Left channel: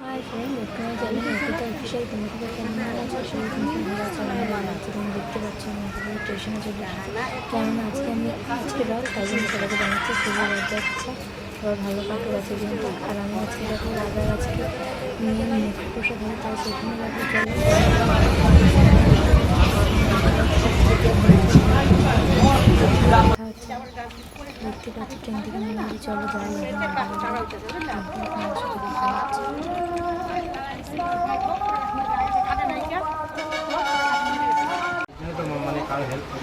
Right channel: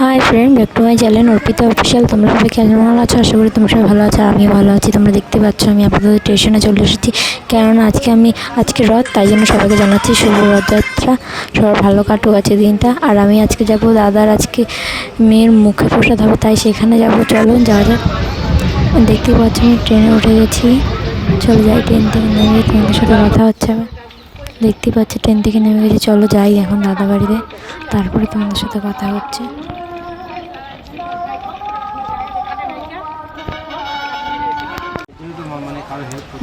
Hi friend, back to my channel Arpita official. তোমরা সবাই কেমন আছো? আশা করি তোমরা সবাই ভালো আছো, আর আমি ভালো আছি। তোমরা দেখতে পাচ্ছ আমি আপাতত স্টেশনে চলে এসেছি, কেননা আজকে রথ, তাই জন্য সবাইকে জানাচ্ছি শুভ রথযাত্রা। সবার ভালো কাটুক আছে দিনটা। আর আমি আজকে যাব দাদার আজকে মেয়ের মুখে প্রসাদ হবে, তাই সেখানে যাব। চলো যাওয়া যাক। দেখতেই পাচ্ছ আমি ট্রেনে উঠে গেছি, চলে যাই। ট্রেন থেকে নেমে তোমাদের সাথে কথা হচ্ছে। আমি দেখতে পাচ্ছি ট্রেন থেকে নেমে গেছি। চলো যাই এখন দাদা বাড়িতে, তারপরে তোমাদের সাথে কথা হচ্ছে।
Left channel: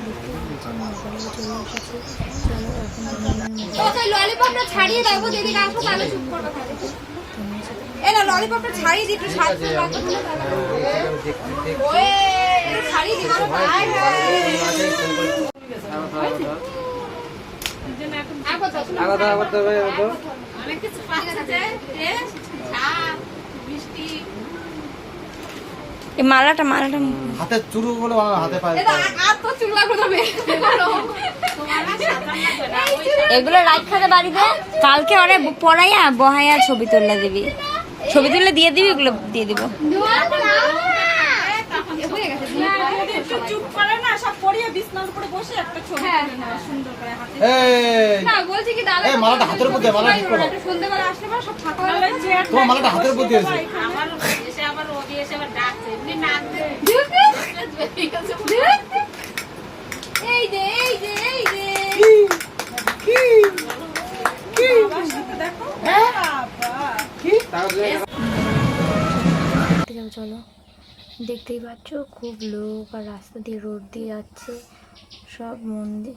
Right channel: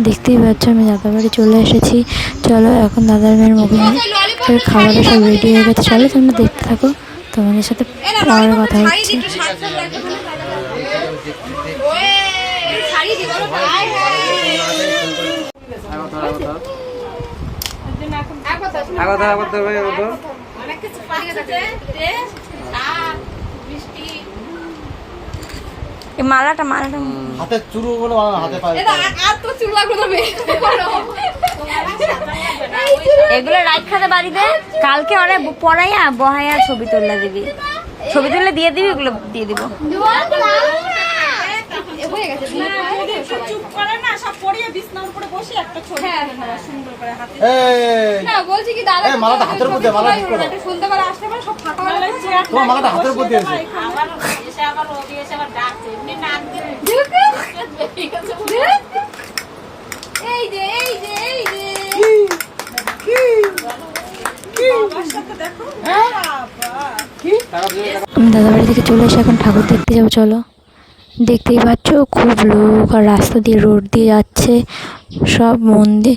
দেখতেই পাচ্ছ আমি দাদার বাড়ি চলে এসেছি। চলো এখন দাদার মেয়ের মুখে খাবারের সব রেডি হয়ে গেছে। চলো তোমরা দেখতে থাকো, তোমাদের সাথে পরে কথা হচ্ছে। মালাটা হাতে চুরু গুলো হাতে পায়, এগুলো রাখাতে বাড়িতে কালকে অনেক পড়াইয়া বহাইয়া ছবি তুলে দিবি, ছবি তুলে দিয়ে দিবি, এগুলো দিয়ে দিব। মালাটা হাতের উপর দিয়ে, মালা ঠিক করো। তোমার মালাটা হাতের উপর দিয়েছে। দাদা বাড়ি থেকে চলে এসে এখন ঠাকুর দেখতে যাবো। চলো দেখতেই পাচ্ছ খুব লোক, আর রাস্তা দিয়ে রোড দিয়ে যাচ্ছে সব মন্দির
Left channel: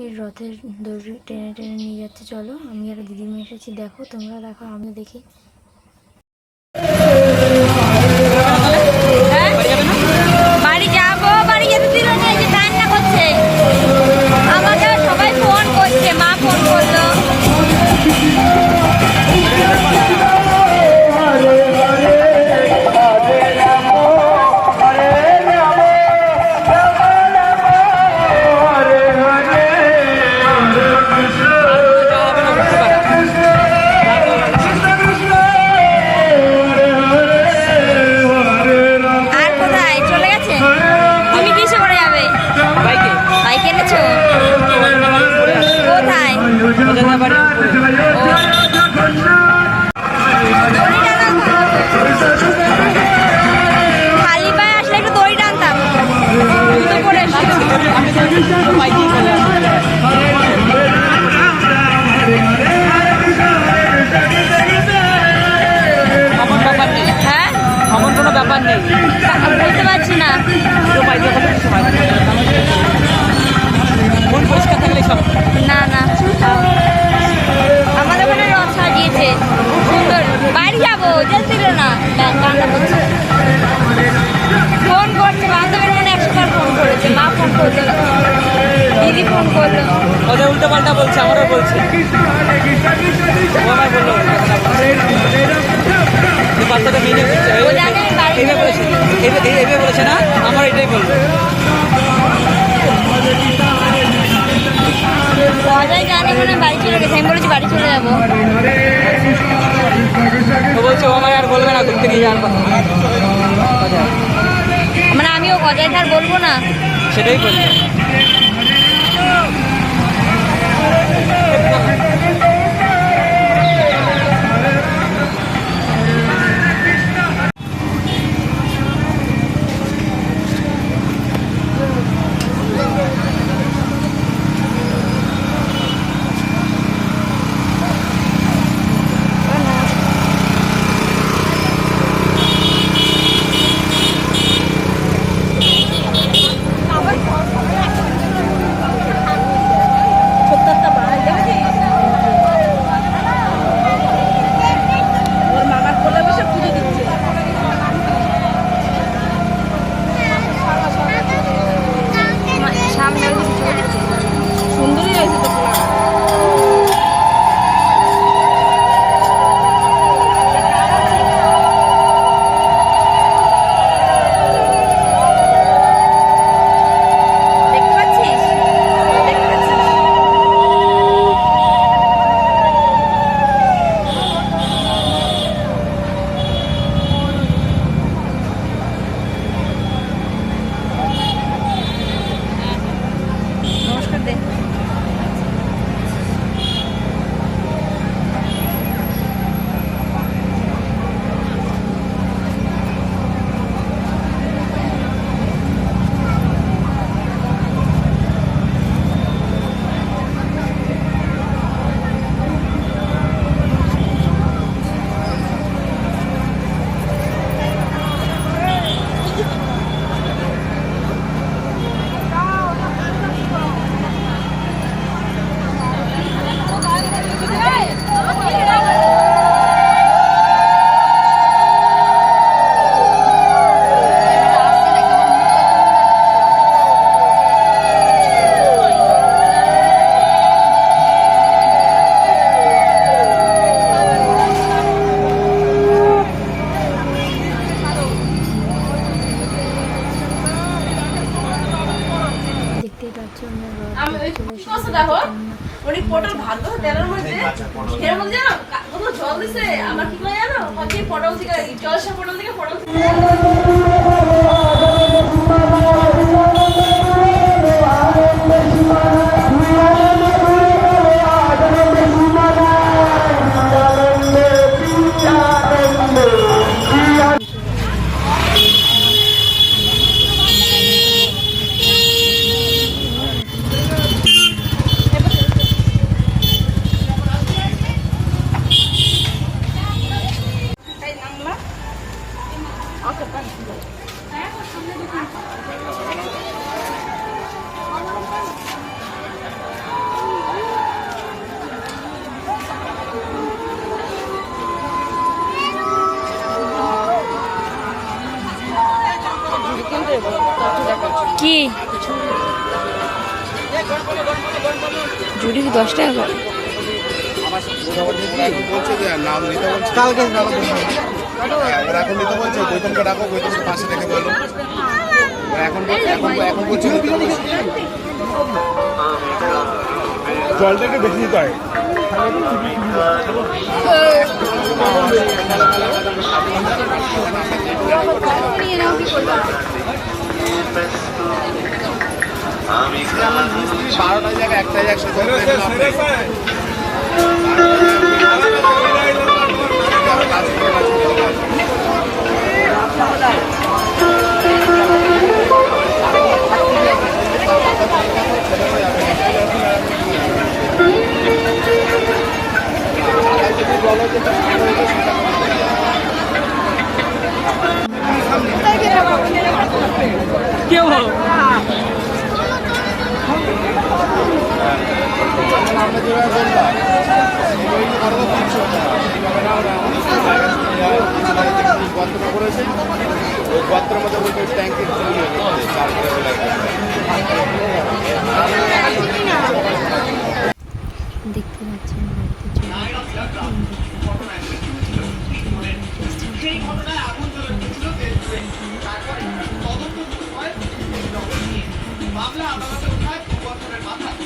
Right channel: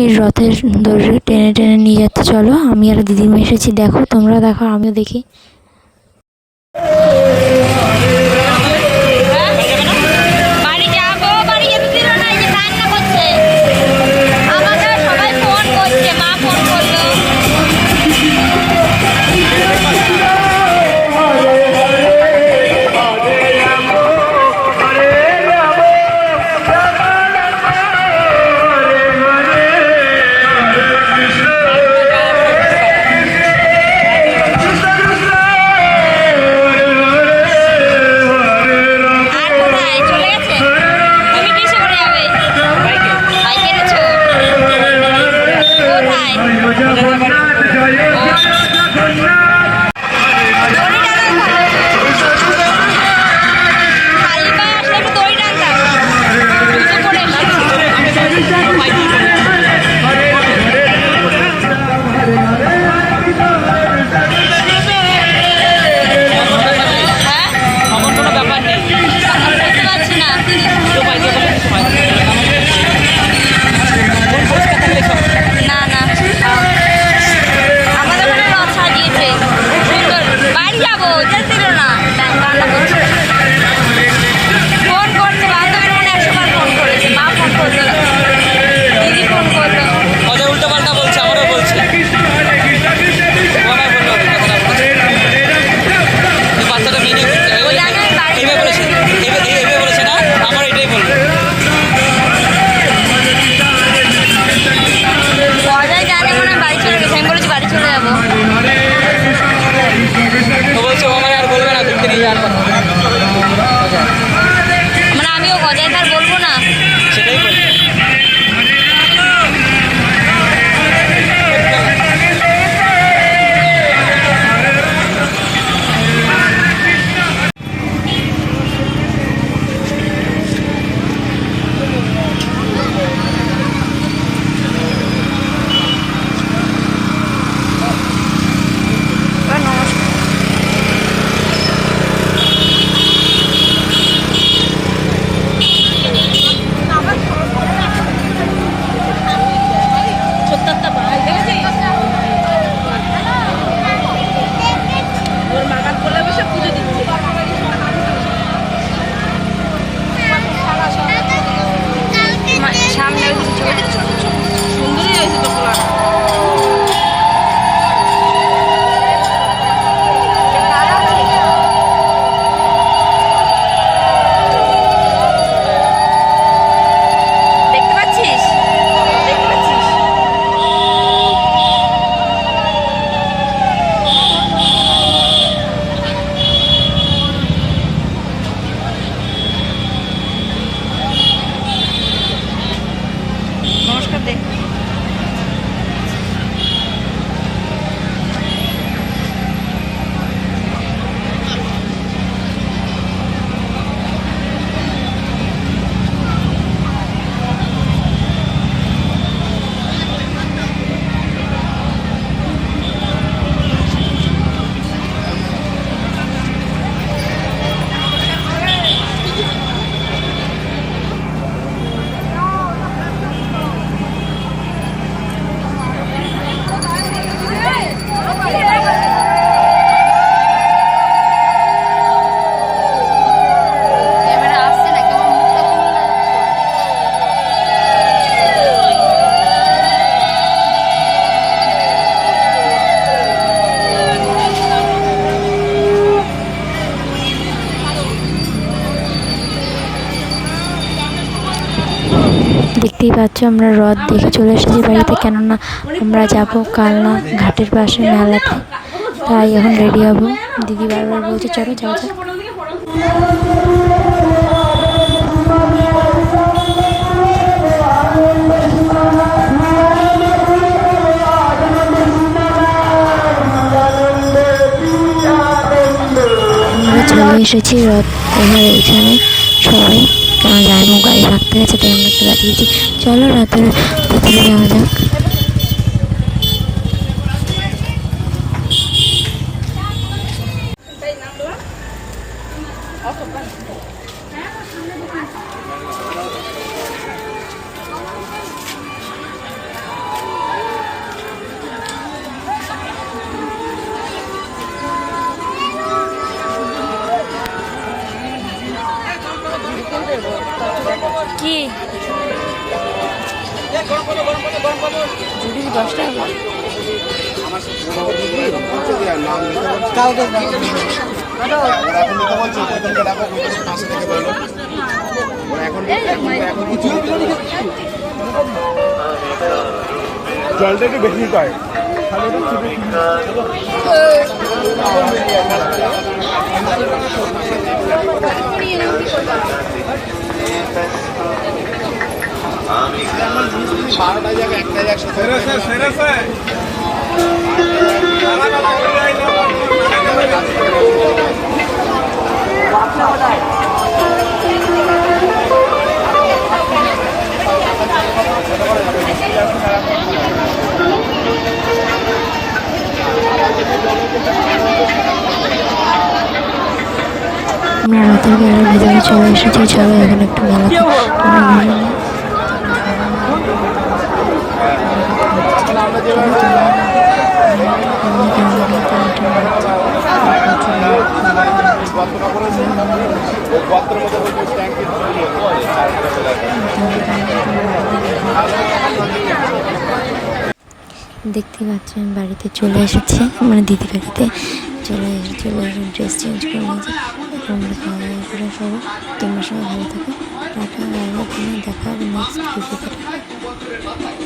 এই রথের দড়ি টেনে টেনে নিয়ে যাচ্ছে। চলো আমি আর দিদিমা এসেছি, দেখো তোমরা দেখো, আমিও দেখি। বাড়ি চলে যাবো। মানে আমিও গজাইদার বলবো না, সেটাই বলবো। দেখতেই পাচ্ছ আমরা হ্রদ দেখে চলে এসেছি বাড়িতে, কেননা আমরা যাবো কালনা ঘাটের পাশে মেলাতে, তাই এখন রেডি হবো। দিদি বারবার বলছে চলো যাওয়া যাক। চলে এসেছি হ্রদ এখানে সবাই, কারণ জানো গাড়ি রাখতে গেছে তাই আমরা একটু দাঁড়িয়েছি। চলো রাতের ভিতরে যাওয়া যাক। কি জুড়ি 10 টাকা করে? জলটা একটু বেশি নিতে হয়। আমরা রাতের বেলা ভিতরে চলে এসেছি। চলো এখানে একটু দেখতে পাচ্ছি আমি বাড়িতে চলে এসেছি, মানে দিদি বাড়িতে চলে এসেছি। ড্রেস চেঞ্জ করে নিয়েছি। তোমার সবাই ভালো থাকো, টাটা। দেখা নেক্সট ভিডিওতে।